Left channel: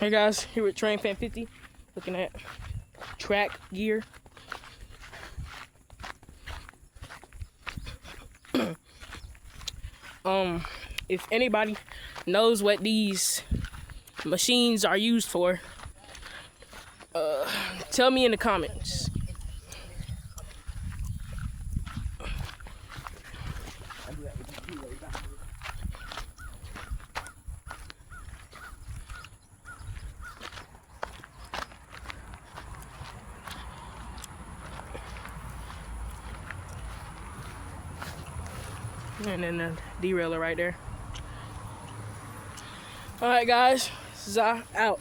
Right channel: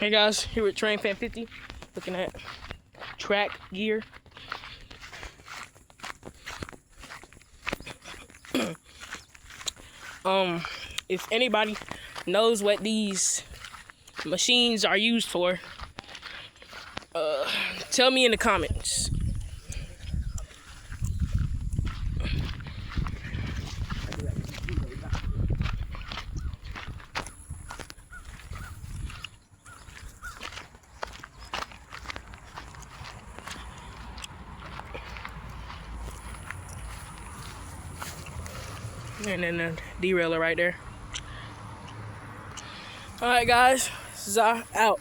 Hey guys, here with Train Fan 50, looking at track gear. If anybody knows what these machines are used for, tell me in the comments. And then the derailer right there. Alright guys, Za out.